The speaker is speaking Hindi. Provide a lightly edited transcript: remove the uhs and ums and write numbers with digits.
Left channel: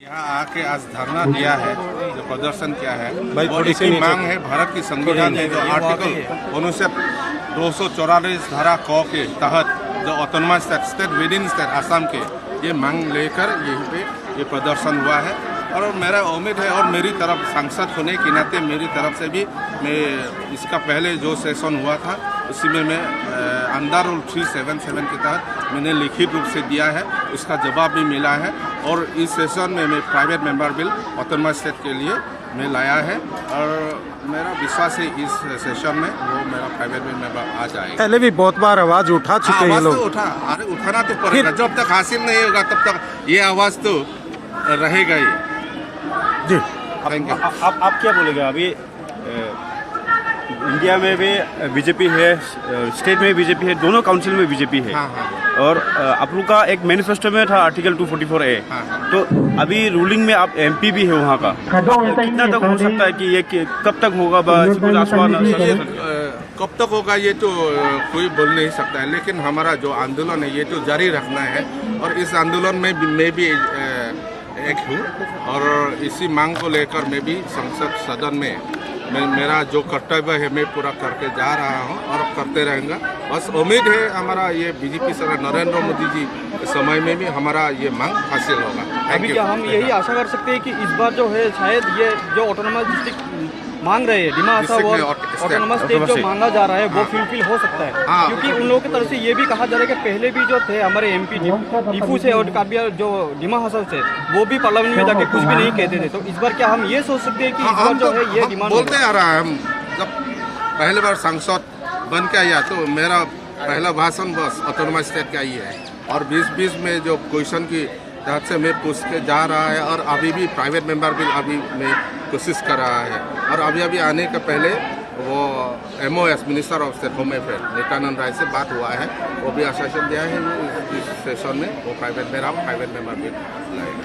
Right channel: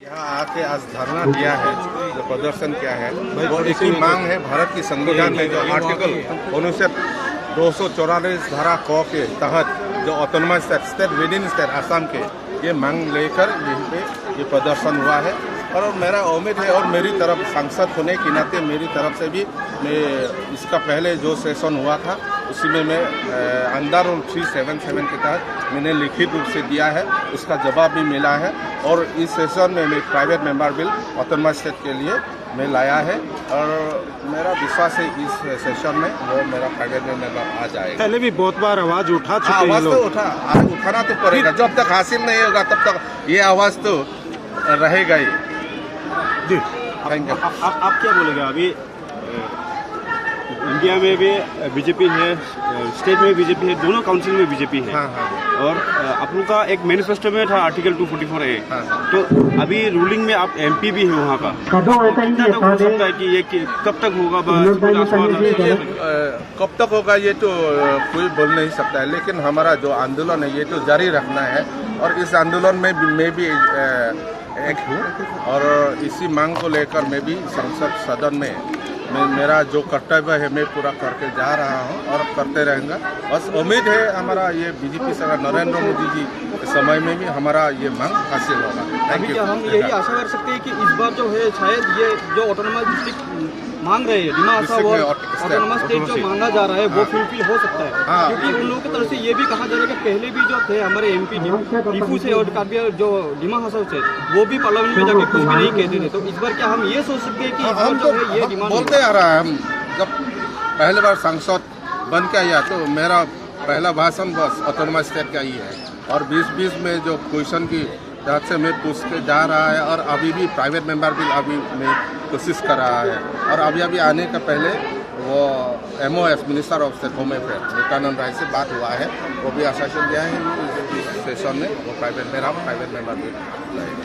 यहाँ आके आज धरना दिया है, जो प्रदर्शन किया है वो इसी मांग है। भारत की संविधान में जो आर्टिकल अनुच्छेद 244 धारा क के तहत जो autonomous state with in state Assam के ये मांग लेकर यहीं पे ये प्रदर्शन हुआ है। और मेरा उम्मीद है और मेरी तरफ सांसद होने के नाते मेरी तरफ से भी मैं इसका पहले जो सेशन हुआ था उसी में मैं अंडर रूल 377 के तहत मैंने लिखित रूप से दिया है, उसका जवाब भी मिला है। और इस सेशन में मैं private member bill autonomous state के लिए मैं लाया है और मेरा विश्वास है इस सेशन में वो मेरा प्राइवेट मेंबर आ जाएगा। पहले भी बहुत बार आवाज उठा चुके हैं आवाज लोग। तो उठाना तो पड़ेगा, जब तक हासिल नहीं होगा तब तक ये आवाज तो रहेगा ही। जी थैंक यू। आप क्या बोलेगा? अभी इंडिया में भी बीजेपी है, स्टेट में बीजेपी है, दोनों काउंसिल में बीजेपी है। हाँ हाँ और आप लोग का एक मैनिफेस्टो में था आर्टिकल 244A। हाँ हाँ। तो अभी रूलिंग में आप एमपी भी है वहाँ का, तो कितना तक हो सकता है कि ये कब तक होगा? ये कब तक होगा ये तो कोई बोल नहीं सकता है, लेकिन हमारा जो आंदोलन है ये तो जारी रखना है। और इस आंदोलन में मैं भी एक हूँ और इसी मांग को लेकर मैं भी संसद सदन में मेरा जो कर्तव्य है मैं पूरा करके जा रहा हूँ और करते रहेंगे। बस उम्मीद है हमारा ये बीजेपी सरकार नरेंद्र मोदी जी के समय में भी हमारा ये मांग हासिल होगा। Thank you. हम यही आशा कर सकते हैं कि इस बार जो है शायद ये जो ऑटोनोमस डिस्ट्रिक्ट मांग रहे हैं, ऑटोनोमस स्टेट जो मांगा जा रहा है वो फुलफिल हो सकता है। क्योंकि उन लोगों की तरफ से ये भी कहा जा रहा है कि पहले भी जो थे हमारे एमपी टीपू से और काबिया जो डिमा हसन से वो भी पार्लियामेंट में जाके कुछ भी नहीं कहते थे। तो इस बार क्या हम ये सोच सकते हैं कि हम तो बोलते आ रहा है, हम जब पहले बार सांसद बन के आया तो मेरा पहला भाषण बस ऑटोनोमस स्टेट का ही है। और 2020 में जो क्वेश्चन की तहत से मैं पूछ के जा रहा है और अभी भी प्राइवेट मेंबर बिल अभी मैं कोशिश कर रहा है। और अभी आने का पहले वो MOS minister of state home affair Nityanand Rai से बात हुआ है, वो भी आश्वासन दिया है इस सेशन में वो प्राइवेट मेंबर बिल लाएगा।